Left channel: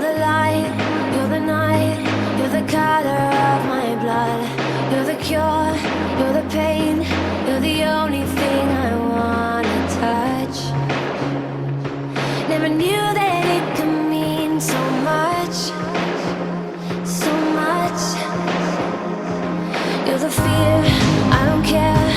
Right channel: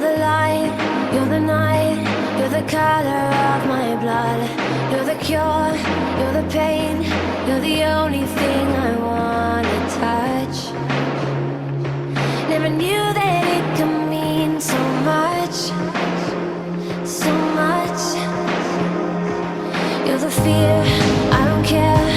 You're the light, you're the night, you're the color of my blood. You're the cure, you're the pain, you're the only thing I wanna touch. Never knew that it could mean so much, so much. You're the fear, I don't care,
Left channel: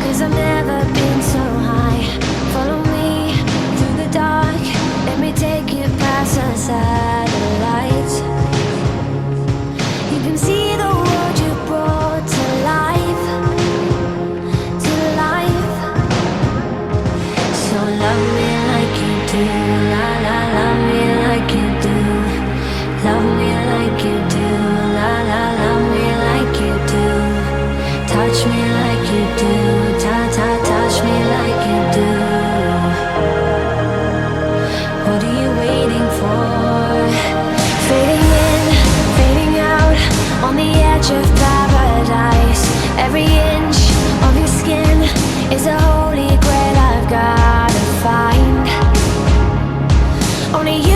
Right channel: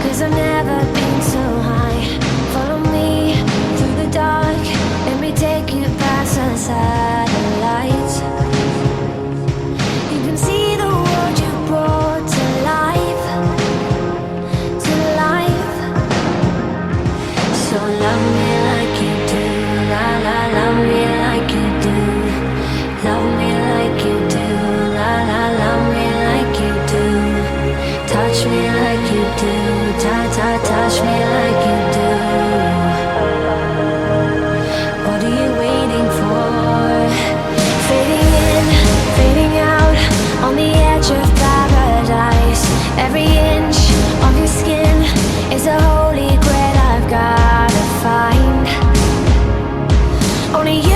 'cause I've never been so high. Follow me through the dark, let me take you past the satellites. You can see the world you brought to life, to life. So love me like you do, la la, love me like you do. Love me like you do, la la, love me like you do. Touch me like you do, ta ta, touch me like you do. What are you waiting for? Fading in, fading out, on the edge of paradise. Every inch of your skin is a holy grail I've gotta find. Only you